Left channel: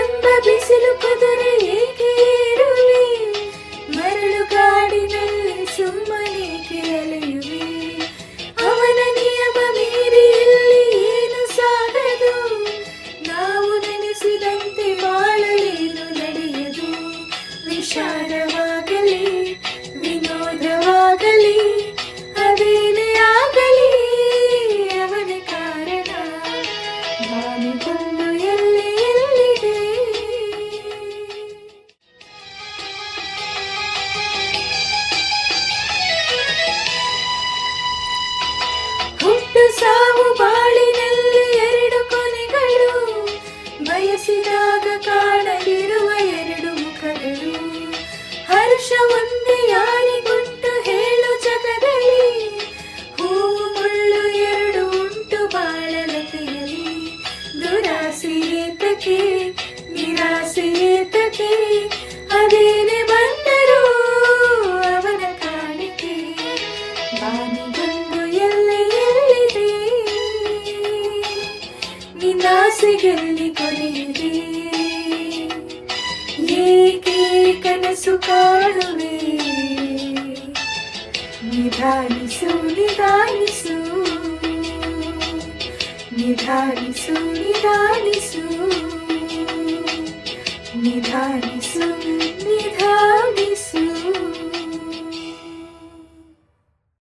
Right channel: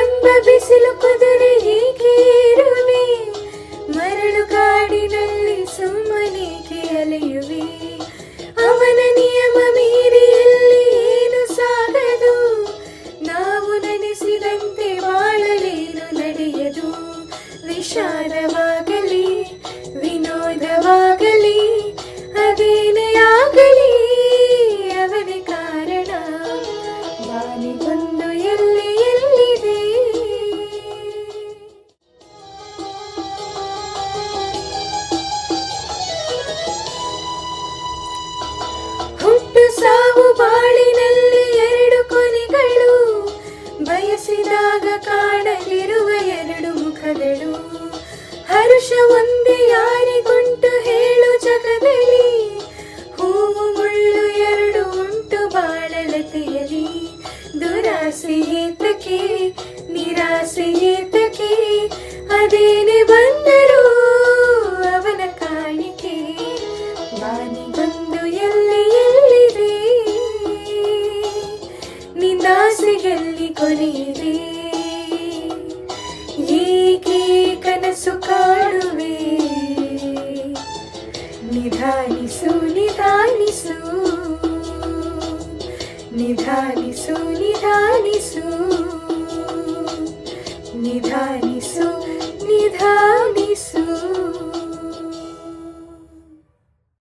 ಎಂಬ ಬಿಸಿಲು ಕುದುರೆ ಏಕೆ ಏರುವೆ, ಮರಳು ಕಾಡಿನಲ್ಲಿ ಸುಮ್ಮನೇಕೆ ಅಲೆಯುವೆ. ಅವನ ನಿಯಮ ಮೀರಿ ಇಲ್ಲಿ ಏನು ಸಾಗದು, ನಾವು ನೆನೆಸಿದಂತೆ ಬಾಳಲೇನು ನಡೆಯದು. ವಿಚಾರವಾಗಲಿ ವಿನೋದವಾಗಲಿ ಅದೇನೇ ಆಗಲಿ ಅವನೇ ಕಾರಣ. ಬಾನಿಗೊಂದು ಎಲ್ಲಿ ಎಲ್ಲಿದೆ. ಹುಟ್ಟು ಸಾವು ಬಾಳಿನಲ್ಲಿ ಎರಡು ಕೊನೆಗಳು, ಬಯಸಿದಾಗ ಕಾಣದಿರುವ ಎರಡು ಮುಖಗಳು. ಹರ್ಷ ಒಂದೇ ಯಾರಿಗುಂಟು ಹೇಳು ಜಗದಲ್ಲಿ, ಹೂವು ಮುಳ್ಳು ಎರಡು ಉಂಟು ಬಾಳಲತೆಯಲಿ. ದುರಾಸೆ ಏತಕ್ಕೆ ನಿರಾಸೆ ಏತಕ್ಕೆ, ಅದೇನೆ ಬಂದರೂ ಅವನ ಕಾಣಿಕೆ. ಬಾನಿಗೊಂದು ಎಲ್ಲೆ ಎಲ್ಲಿದೆ, ನಿಂದಾಸೆಯಲ್ಲಿ ಕೊನೆಯಿದೆ. ಏಕೆ ಕನಸು ಕಾಣುವೆ, ನಿಧಾನಿಸು ನಿಧಾನಿಸು ನಿಧಾನಿಸು ನಿಧಾನಿಸು ನಿಧಾನಿಸು ನಿಧಾನಿಸು.